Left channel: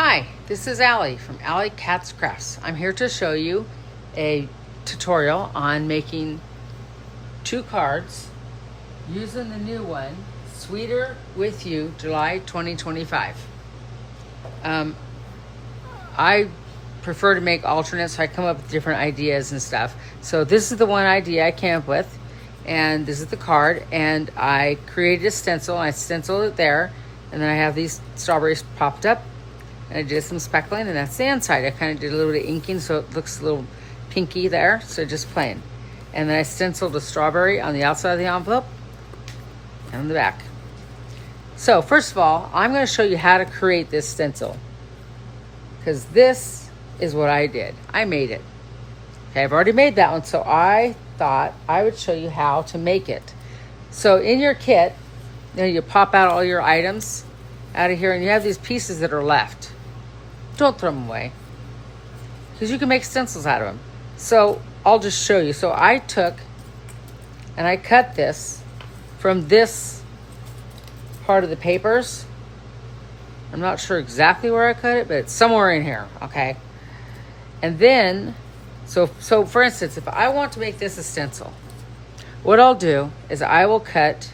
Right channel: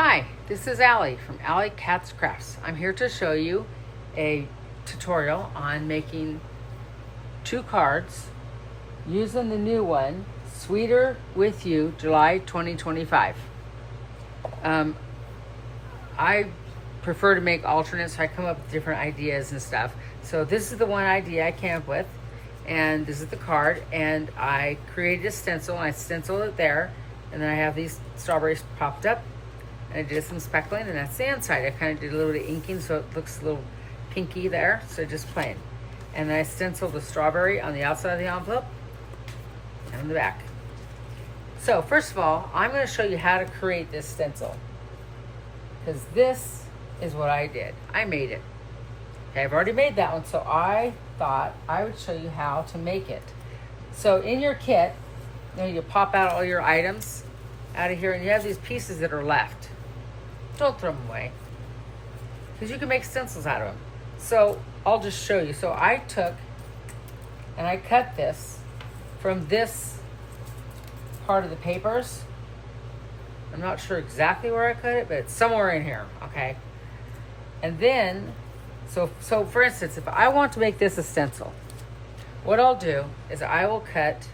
Hi, this is Allie from Allie Cats Crafts. I'm here to show you a tutorial on making 2 cards using the new one, Sweeter With You, July 2025. I prefer to make alternates, so I come up with different ideas and stuff. So this is the one idea I came up with, and this is the card, and I created a stencil, and I stenciled it there, and then I have these strawberries popped up. And I did some speckling, and that's the inside. I kind of did a little bit of inking so it looks a little pinky there, so just plain. And then I stenciled the strawberry on the outside of the envelope and on the back. So first of all, I'm going to show you how to create this stencil, because this is what I did. I made it. Okay, I've already made that one, so I thought I would show you how to make it. So in your kit, you pop out all your items out of here, and you have these pieces that are left. Don't throw them away, because you can make stencils out of them. So I'll just show you. So I took and I cut this from this part of the papers. I'm not sure exactly where I cut it, but it's somewhere in here, okay? And then, so for instance, if I want to make this a stencil, what I'll do is I will cut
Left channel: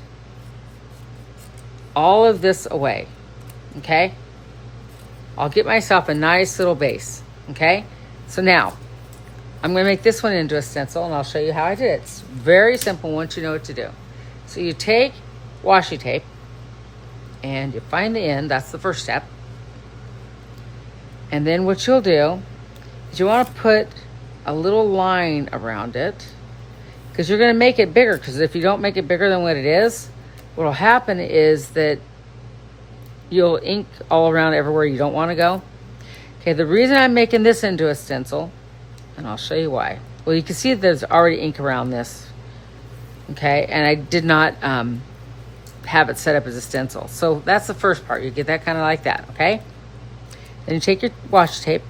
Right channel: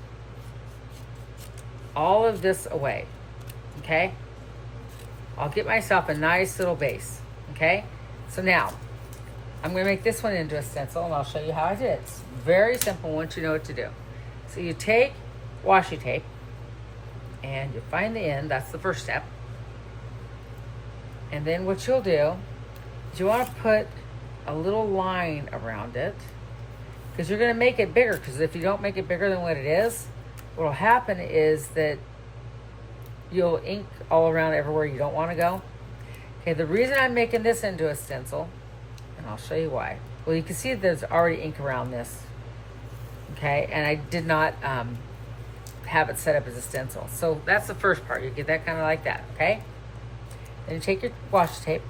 all of this away, okay? I'll get myself a nice little base, okay? So now, I'm gonna make this one into a stencil, and I'll show you how I did it. It's very simple once you know what to do. So you take washi tape, and you find the end, that's the first step. And then what you'll do is you wanna put a little line around it, because you're gonna make it bigger, because if you don't make it bigger than what it is, what'll happen is that you'll ink all around everywhere you don't want to go. Okay, the reason I'm making this into a stencil, and I'll show you why. Well, you can see there's already ink around this. Okay, and I did not have it set up as a stencil. So that's the first part. You get that kind of like that, okay? Then you take your washi tape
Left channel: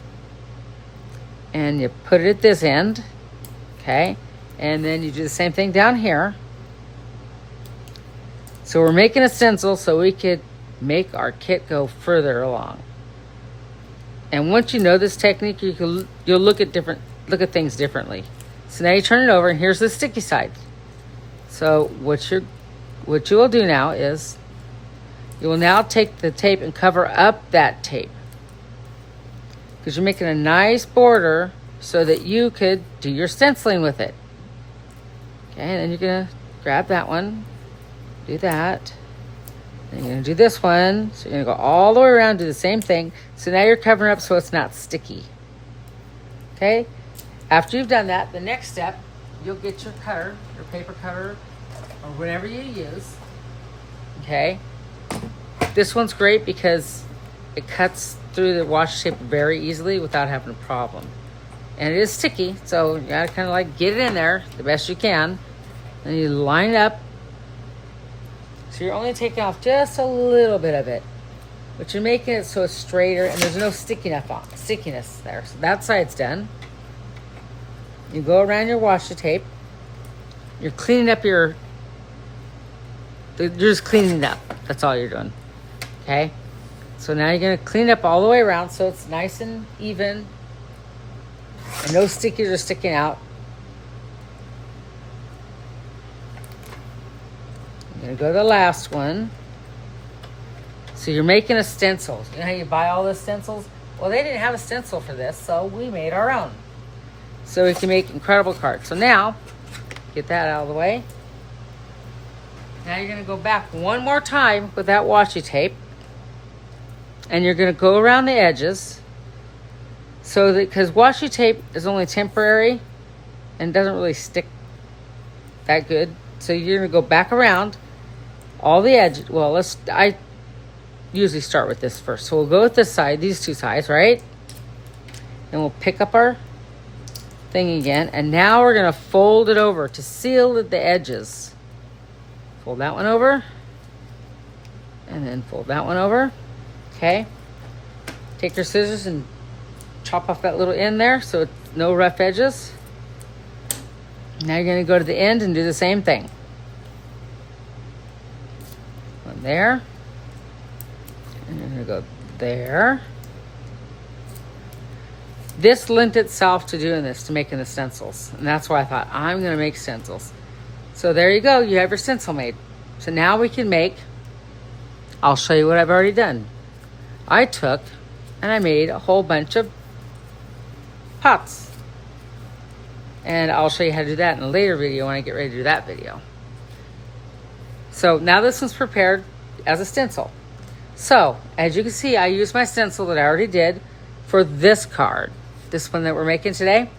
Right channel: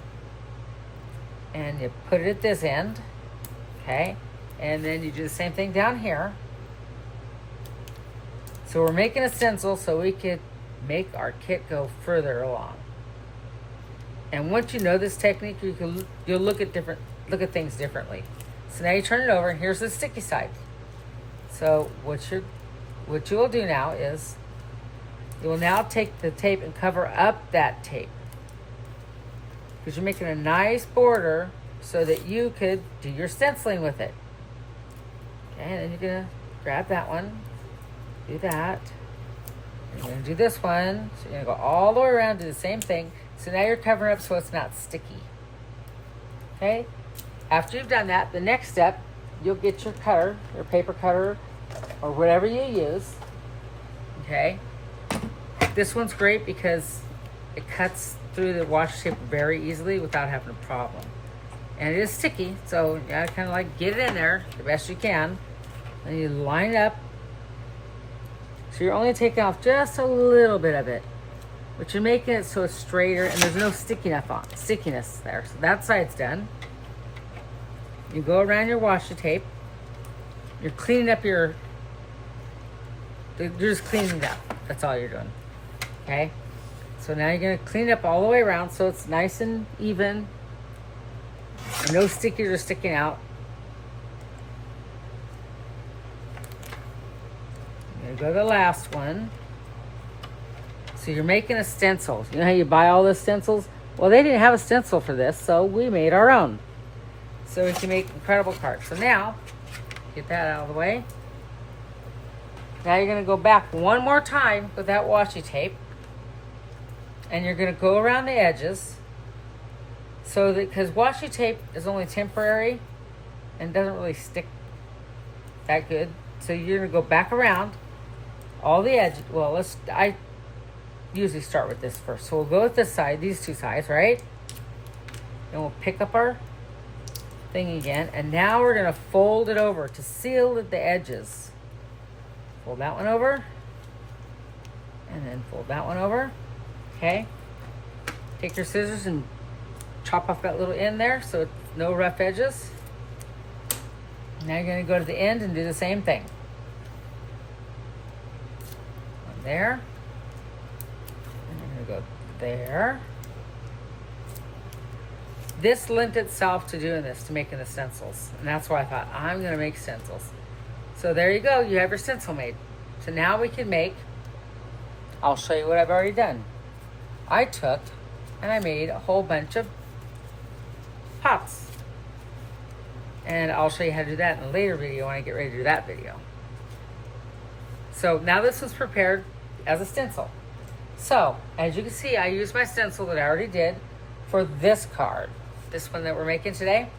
and you put it at this end, okay? And then you do the same thing down here. So we're making a stencil so we could make our kit go further along. And once you know this technique, you'll look at things differently. So now you turn it over, and here's the sticky side. So what you will do now is you will now take the tape and cover up that tape, because you're making a nice border so that you could do your stenciling with it. Okay, and then you're gonna grab that one, do that. You're going to do this one. So you're going to go all the way around, do the same thing. So now you're covering up so it's not sticky. Okay? After you've done that, the next step, you'll get your cutter, your paper cutter, or whatever you use. Okay? This one's great because it cuts through the washi tape very easily without having a problem. And it is sticky, so you gotta kind of like get it in there the best you can. Then you line it up. So you're only taking off just a little bit of it, but you're making it so it's straighter and there's no stickiness there. So that side's done. You go around your washi tape. You're cleaning up you're just cleaning it up. That's all you're doing. Okay? So now you're gonna clean up all the way around so it's nice and even and no stickies are sticking out. Gonna go to the last one. So you're making a stencil. You know how you buy all the stencils? Well, they didn't have a stencil for this, so we made our own. So we can make incredible cards. So now, get that out of the way. Now you're gonna go back one more time with that washi tape, and you're gonna go around the edges, so that, because washi tape is only temporary and doesn't really stick that good. So you're gonna go back around all the edges. Well, I usually start with this first. So we'll go with this side, these two sides, right? And we'll pick up our thing again. And now we're gonna fold it over to seal the edges. Fold that one over. And then fold that one over. Okay. Take your scissors and chop off that little end there so it's no rough edges. Now you're gonna go to the end and do the same thing. One there. And you're gonna go there. this lent itself to doing this, to making the stencils. And that's why I thought, I'm going to make stencils. So there you go. You have your stencil made. So now we can make, I'll show you what I've already done. I took and I made a whole bunch of pots. And I'll show you how to do that in a later video when I get ready to do that video. So now this one's prepared as a stencil. So as you can see, I used my stencil that I already did for this card. This one that we're making today.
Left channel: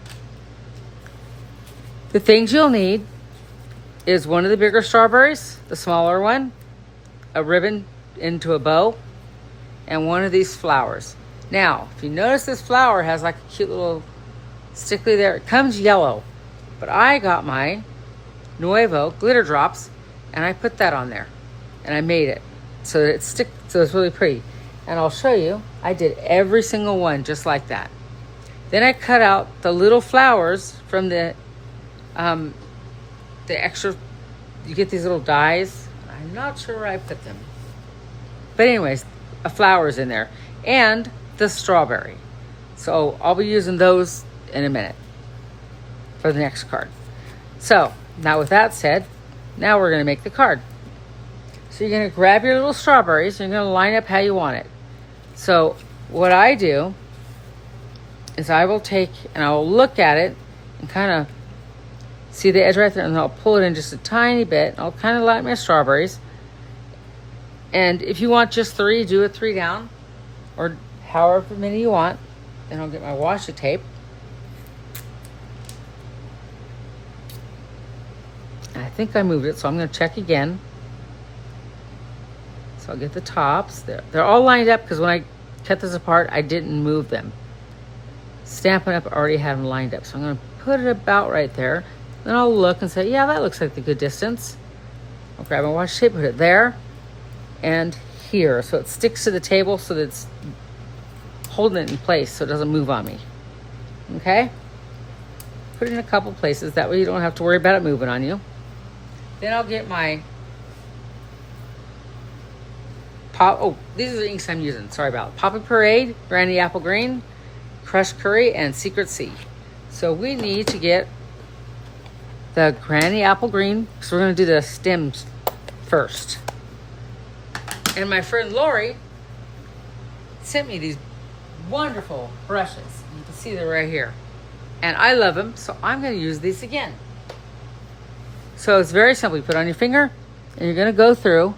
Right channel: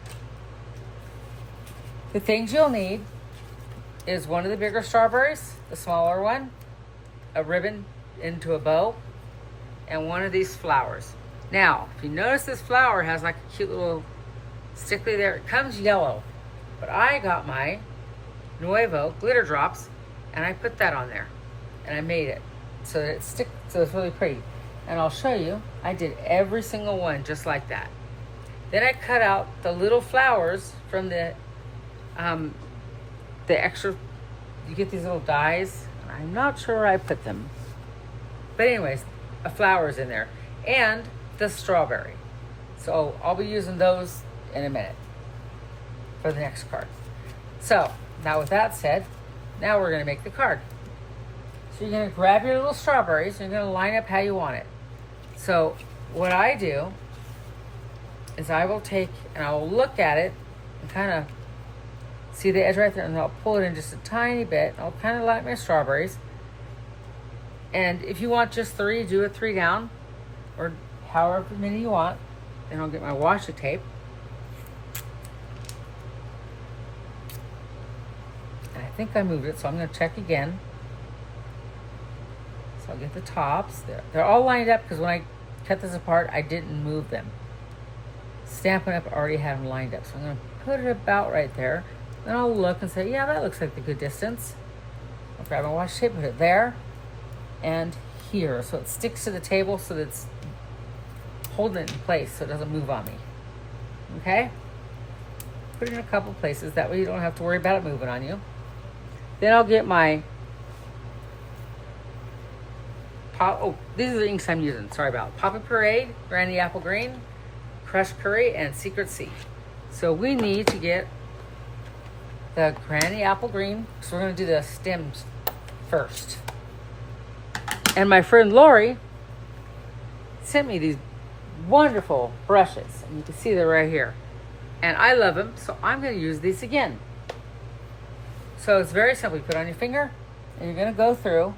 The things you'll need is one of the bigger strawberries, the smaller one, a ribbon into a bow, and one of these flowers. Now, if you notice this flower has like a cute little stickly there, it comes yellow. But I got my Nuevo glitter drops and I put that on there. And I made it so that so it's really pretty. And I'll show you, I did every single one just like that. Then I cut out the little flowers from the extra, you get these little dies. I'm not sure where I put them. But anyways, a flower's in there. And the strawberry. So I'll be using those in a minute for the next card. So now with that said, now we're gonna make the card. So you're gonna grab your little strawberries and you're gonna line up how you want it. So what I do is I will take and I'll look at it and kind of see the edge right there, and I'll pull it in just a tiny bit. I'll kind of line my strawberries. And if you want just 3, do it 3 down, or however many you want. Then I'll get my washi tape. And I think I moved it, so I'm going to check again. So I'll get the tops. They're all lined up because when I cut this apart, I didn't move them. Stampin' Up! I already have them lined up. So I'm going to put it about right there. Then I'll look and say, yeah, that looks like the good distance. I'll grab my washi tape, put it there and here. So it sticks to the table so that it's holding it in place so it doesn't move on me. Okay? Put it in a couple places. That way you don't have to worry about it moving on you. Then I'll get my these are the inks I'm using. Sorry about it. Poppy Parade, Granny Apple Green, Crushed Curry, and Secret Sea. So we need to get the Granny Apple Green, because we're going to do the stems first. And my friend Lori sent me these wonderful brushes. You can see they're right here. And I love them, so I'm going to use these again. So it's very simple. You put it on your finger, and you're going to go through,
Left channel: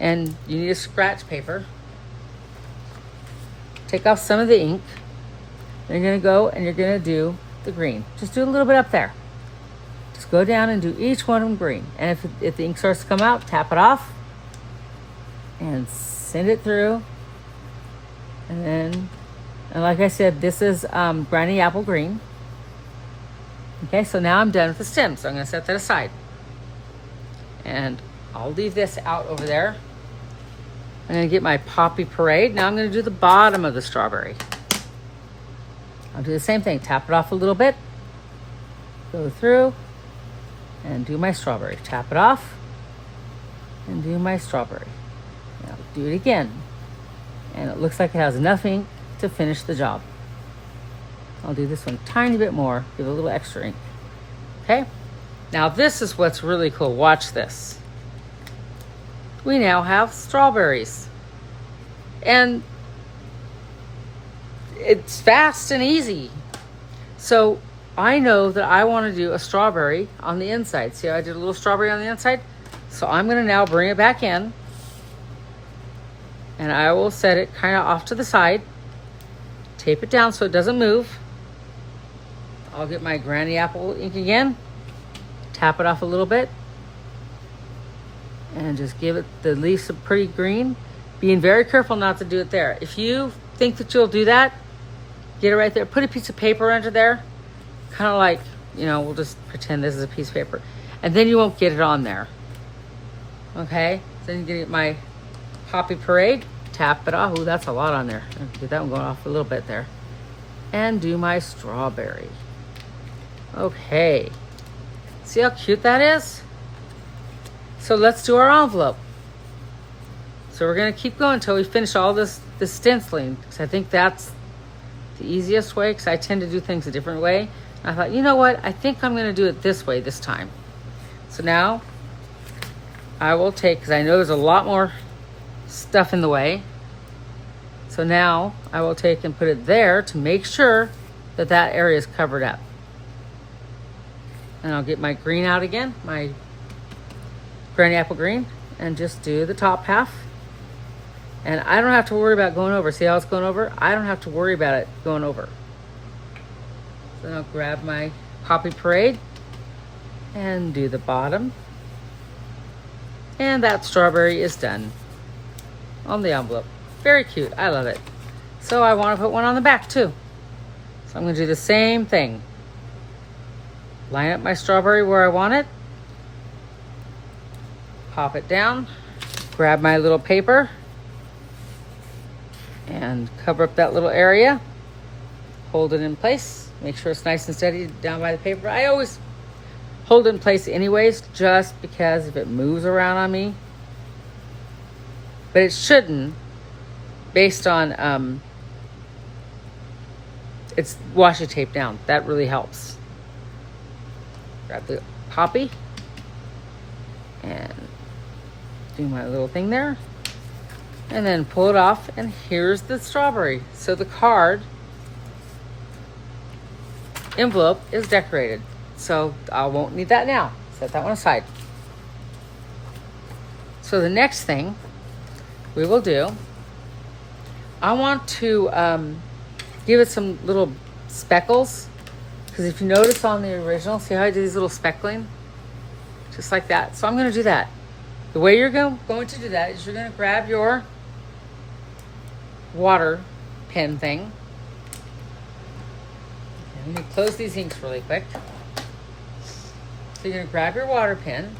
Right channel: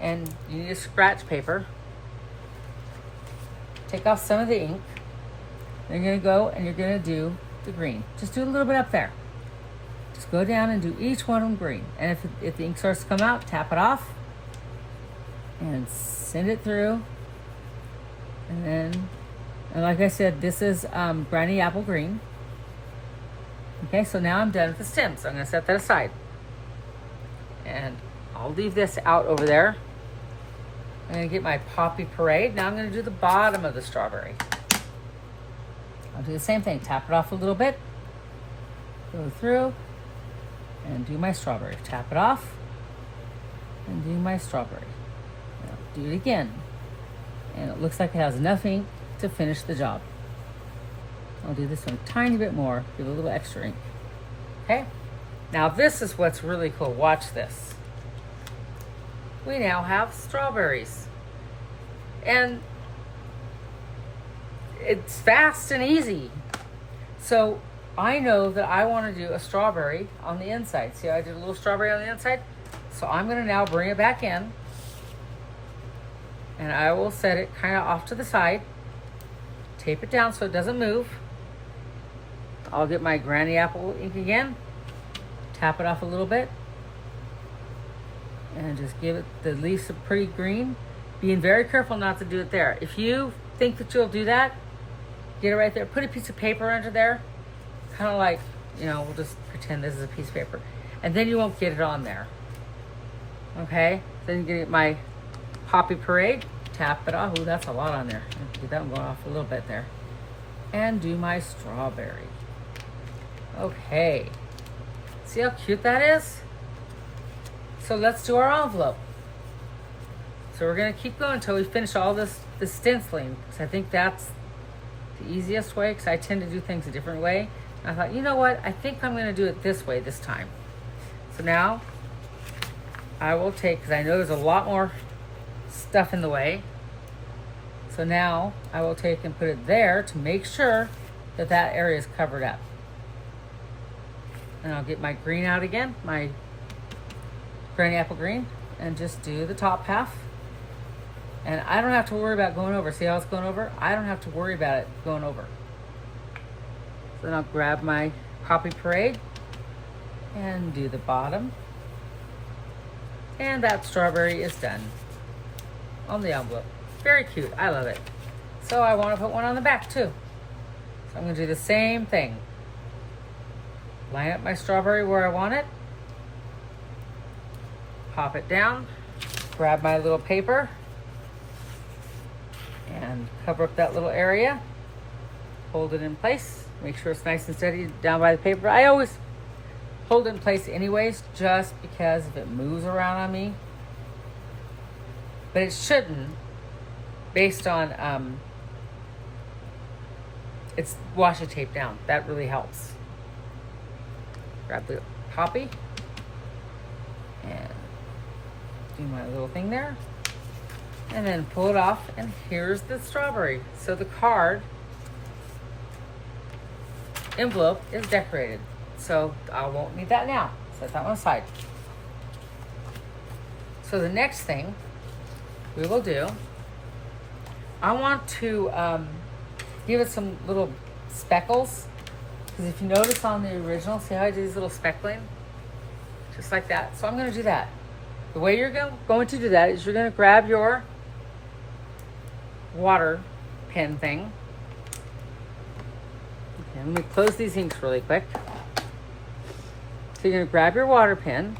and you need a scratch paper. Take off some of the ink. You're going to go and you're going to do the green. Just do a little bit up there. Just go down and do each one of them green. And if the ink starts to come out, tap it off and send it through. And then, and like I said, this is Granny Apple Green. Okay, so now I'm done with the stem. So I'm going to set that aside. And I'll leave this out over there. I'm going to get my Poppy Parade. Now I'm going to do the bottom of the strawberry. I'll do the same thing. Tap it off a little bit. Go through. And do my strawberry. Tap it off. And do my strawberry. Now do it again. And it looks like it has enough ink to finish the job. I'll do this one a tiny bit more with a little extra ink. Okay? Now this is what's really cool. Watch this. We now have strawberries. And it's fast and easy. So I know that I want to do a strawberry on the inside. See how I did a little strawberry on the inside? So I'm going to now bring it back in. And I will set it kind of off to the side. Tape it down so it doesn't move. I'll get my Granny Apple ink again. Tap it off a little bit. And just give it the least of pretty green. Being very careful not to do it there. If you think that you'll do that, get it right there. Put a piece of paper under there. Kind of like, you know, we'll just pretend this is a piece of paper. And then you won't get it on there. Okay? Then you get my Poppy Parade. Tap it off. Ooh, that's a lot on there. Get that one going off a little bit there. And do my strawberry. Okay. See how cute that is? So let's do our envelope. So we're going to keep going until we finish all this stenciling. So I think that's the easiest way because I tend to do things a different way. And I thought, you know what? I think I'm going to do it this way this time. So now I will take, because I know there's a lot more stuff in the way. So now I will take and put it there to make sure that that area is covered up. And I'll get my green out again, my granny apple green, and just do the top half. And I don't have to worry about going over. See how it's going over? I don't have to worry about it going over. Then I'll grab my Poppy Parade and do the bottom. And that strawberry is done on the envelope. Very cute, I love it. So I want to put one on the back too. So I'm gonna do the same thing. Line up my strawberry where I want it. Pop it down, grab my little paper and cover up that little area. Hold it in place, make sure it's nice and steady down by the paper. I always hold it in place anyways, just because if it moves around on me. But it shouldn't, based on it's washi tape down. That really helps. Grab the poppy and do my little thing there. And then pull it off, and here's the strawberry. So the card envelope is decorated. So I won't need that now. Set that one aside. So the next thing we will do, I want to give it some little speckles. Because if you notice on the original, see how I do these little speckling? Just like that. So I'm going to do that. The way you're going to do that is you're going to grab your water pen thing. Okay, let me close these inks really quick. So you're going to grab your water pen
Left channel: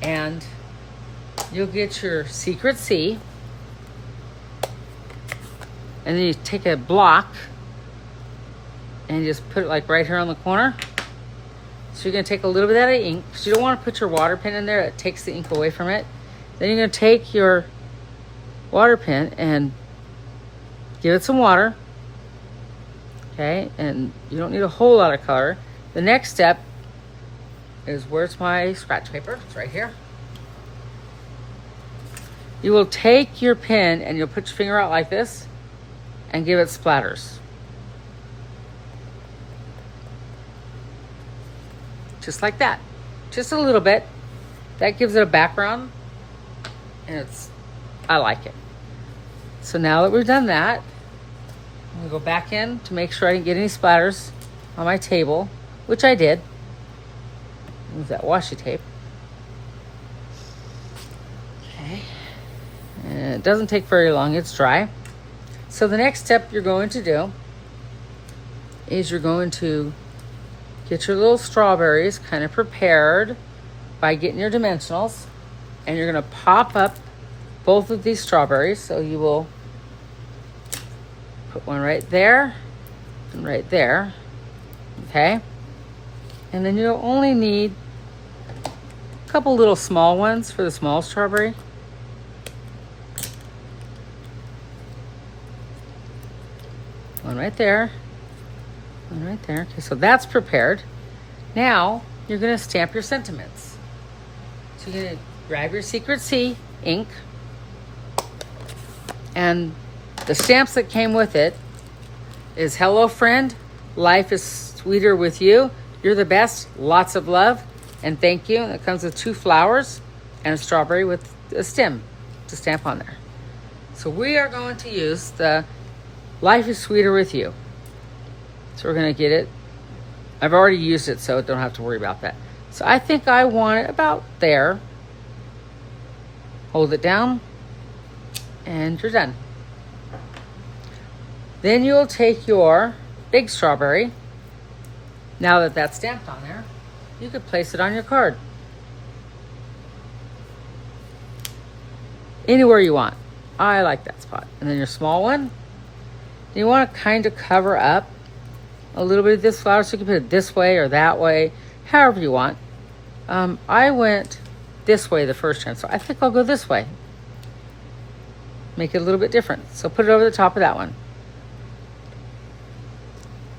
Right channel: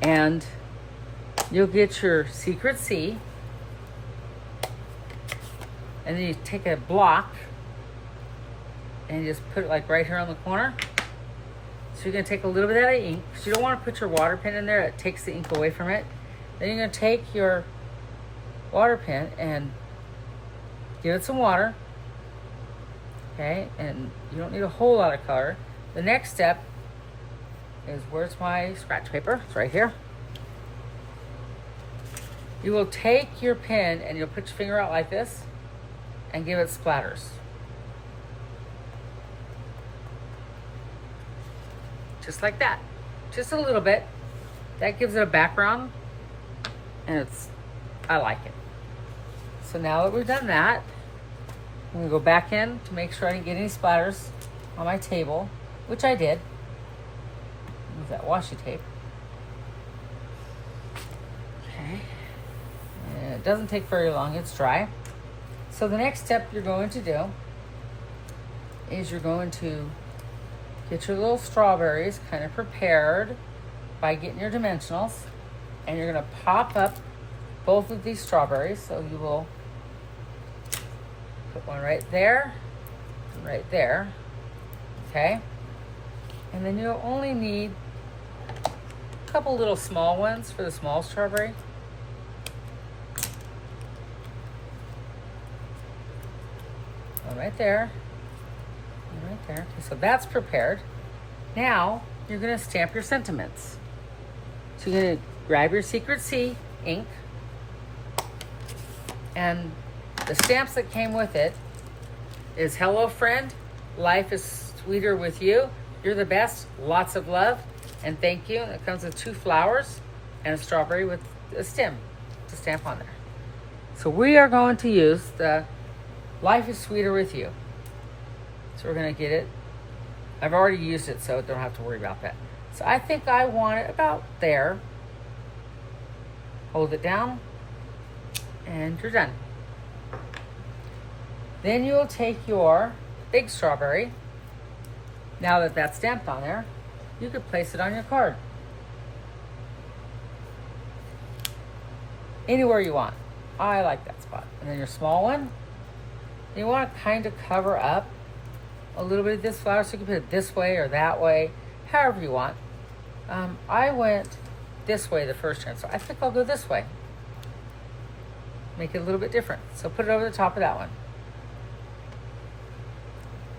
and you'll get your Secret C, and then you take a block and you just put it like right here on the corner. So you're going to take a little bit of that ink, because you don't want to put your water pen in there. It takes the ink away from it. Then you're going to take your water pen and give it some water. Okay, and you don't need a whole lot of color. The next step is, where's my scratch paper? It's right here. You will take your pen and you'll put your finger out like this and give it splatters. Just like that. Just a little bit. That gives it a background, and I like it. So now that we've done that, I'm gonna go back in to make sure I didn't get any splatters on my table, which I did. Use that washi tape. Okay. And it doesn't take very long, it's dry. So the next step you're going to do is you're going to get your little strawberries kind of prepared by getting your dimensionals, and you're going to pop up both of these strawberries. So you will put one right there and right there. Okay. And then you'll only need a couple little small ones for the small strawberry. One right there. One right there. Okay, so that's prepared. Now you're going to stamp your sentiments. So you're going to grab your Secret C ink, and the stamps that came with it is "Hello friend, life is sweeter with you. You're the best. Lots of love and thank you." And it comes with 2 flowers and a strawberry with a stem to stamp on there. So we are going to use the "Life is Sweeter with You." So we're going to get it. I've already used it, so don't have to worry about that. So I think I want it about there. Hold it down, and you're done. Then you'll take your big strawberry. Now that that's stamped on there, you could place it on your card. Anywhere you want. I like that spot. And then your small one, you want to kind of cover up a little bit of this flower, so you can put it this way or that way, however you want. I went this way the first time, so I think I'll go this way. Make it a little bit different. So put it over the top of that one.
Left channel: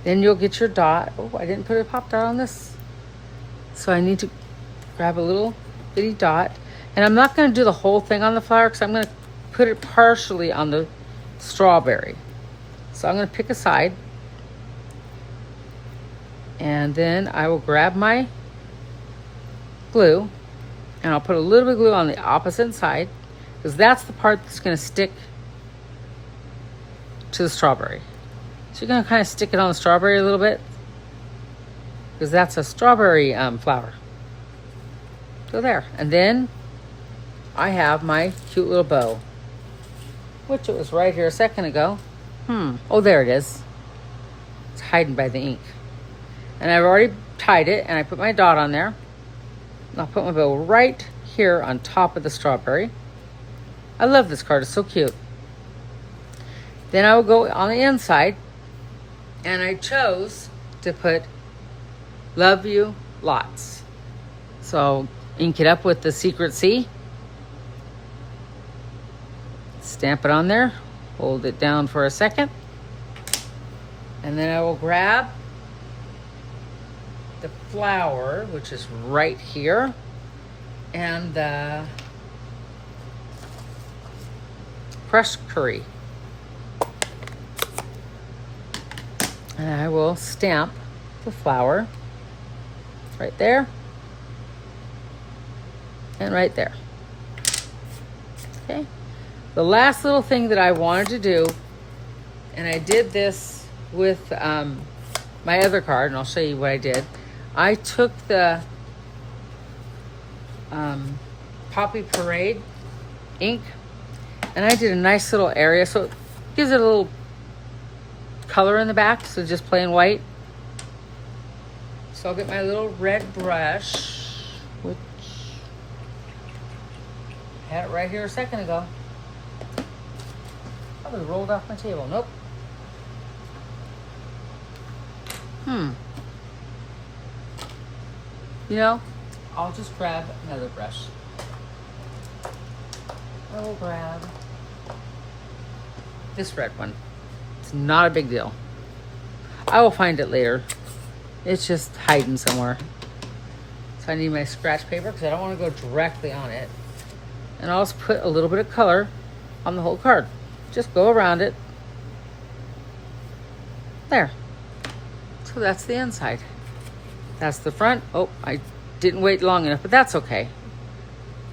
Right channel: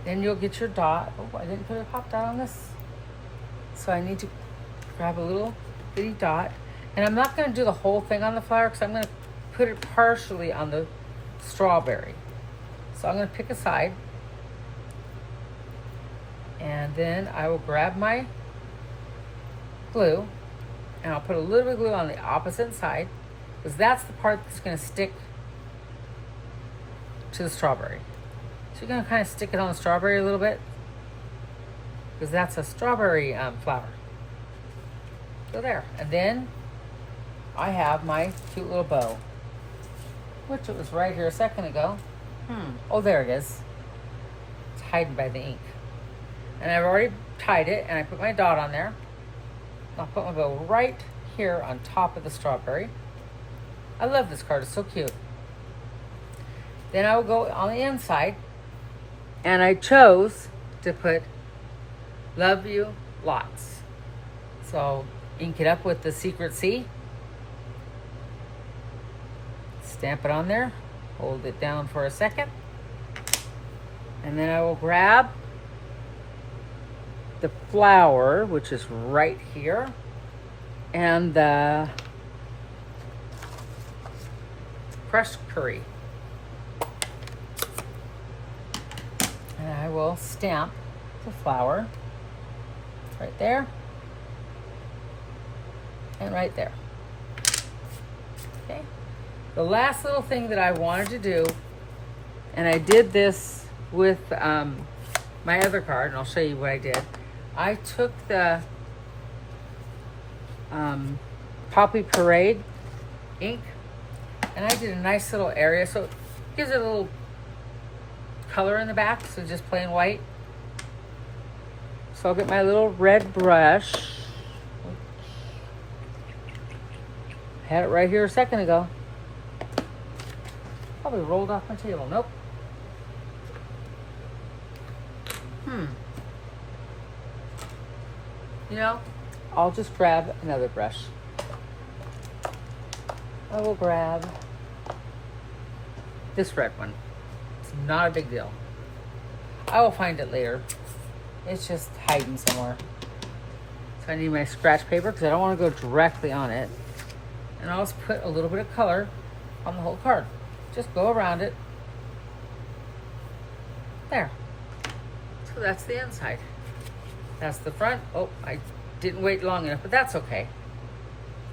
Then you'll get your dot. Oh, I didn't put a pop dot on this. So I need to grab a little bitty dot. And I'm not going to do the whole thing on the flower because I'm going to put it partially on the strawberry. So I'm going to pick a side. And then I will grab my glue. And I'll put a little bit of glue on the opposite side because that's the part that's going to stick to the strawberry. So you're going to kind of stick it on the strawberry a little bit because that's a strawberry flower. So there. And then I have my cute little bow, which it was right here a second ago. Oh, there it is. It's hiding by the ink. And I've already tied it, and I put my dot on there. And I'll put my bow right here on top of the strawberry. I love this card. It's so cute. Then I will go on the inside, and I chose to put "Love You Lots." So ink it up with the Secret C. Stamp it on there. Hold it down for a second. And then I will grab the flower, which is right here, and the crushed curry. And I will stamp the flower right there and right there. Okay. The last little thing that I wanted to do, and I did this with my other card, and I'll show you what I did. I took the Poppy Parade ink, and I did a nice little area, so it gives it a little color in the back, so just plain white. So I'll get my little red brush, which I had it right here a second ago. Probably rolled off my table. Nope. You know, I'll just grab another brush. I will grab this red one. It's not a big deal. I will find it later. It's just hiding somewhere. So I need my scratch paper because I don't want to go directly on it. And I'll just put a little bit of color on the whole card. Just go around it. There. So that's the inside. That's the front. Oh, I didn't wait long enough, but that's okay.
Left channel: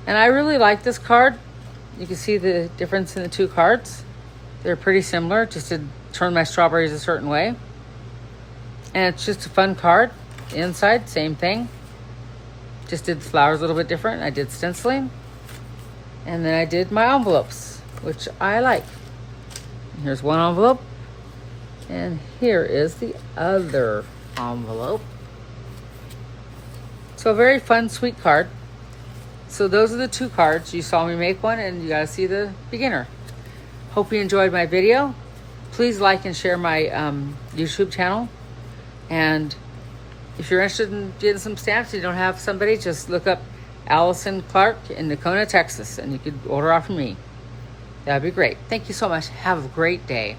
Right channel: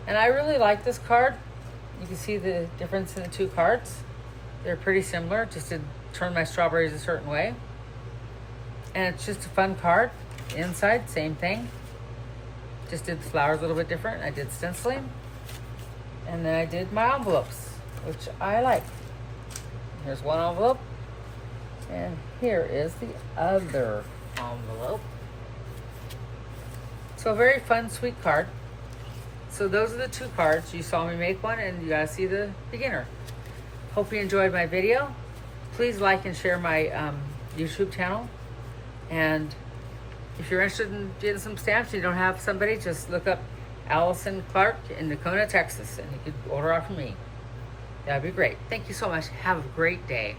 And I really like this card. You can see the difference in the two cards. They're pretty similar, just to turn my strawberries a certain way. And it's just a fun card. The inside, same thing. Just did the flowers a little bit different. I did stenciling. And then I did my envelopes, which I like. Here's one envelope. And here is the other envelope. So a very fun, sweet card. So those are the two cards. You saw me make one, and you gotta see the beginner. Hope you enjoyed my video. Please like and share my YouTube channel. And if you're interested in getting some stamps, you don't have somebody, just look up Allison Clark in Nakona, Texas, and you could order off from me. That'd be great. Thank you so much. Have a great day.